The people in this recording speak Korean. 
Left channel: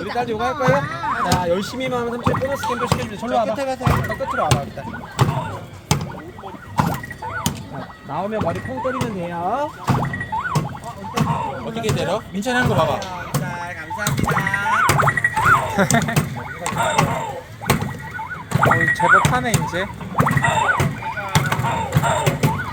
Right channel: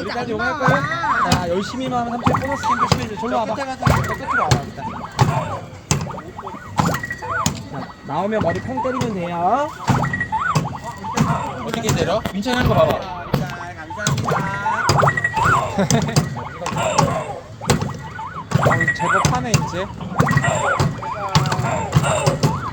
이제 안 용할까요? 나와. 자, 열심히만 삼촌 보너스 캠프 시켜주세요. 절로 와봐. 끝에 가서 끝으로 와봐 일단. 자, 나오면 머리 퐁 때리면 돼요. 어떻게 때려? 민찬이 하는 거 봐봐. 감사합니다. 제법 하네 이제.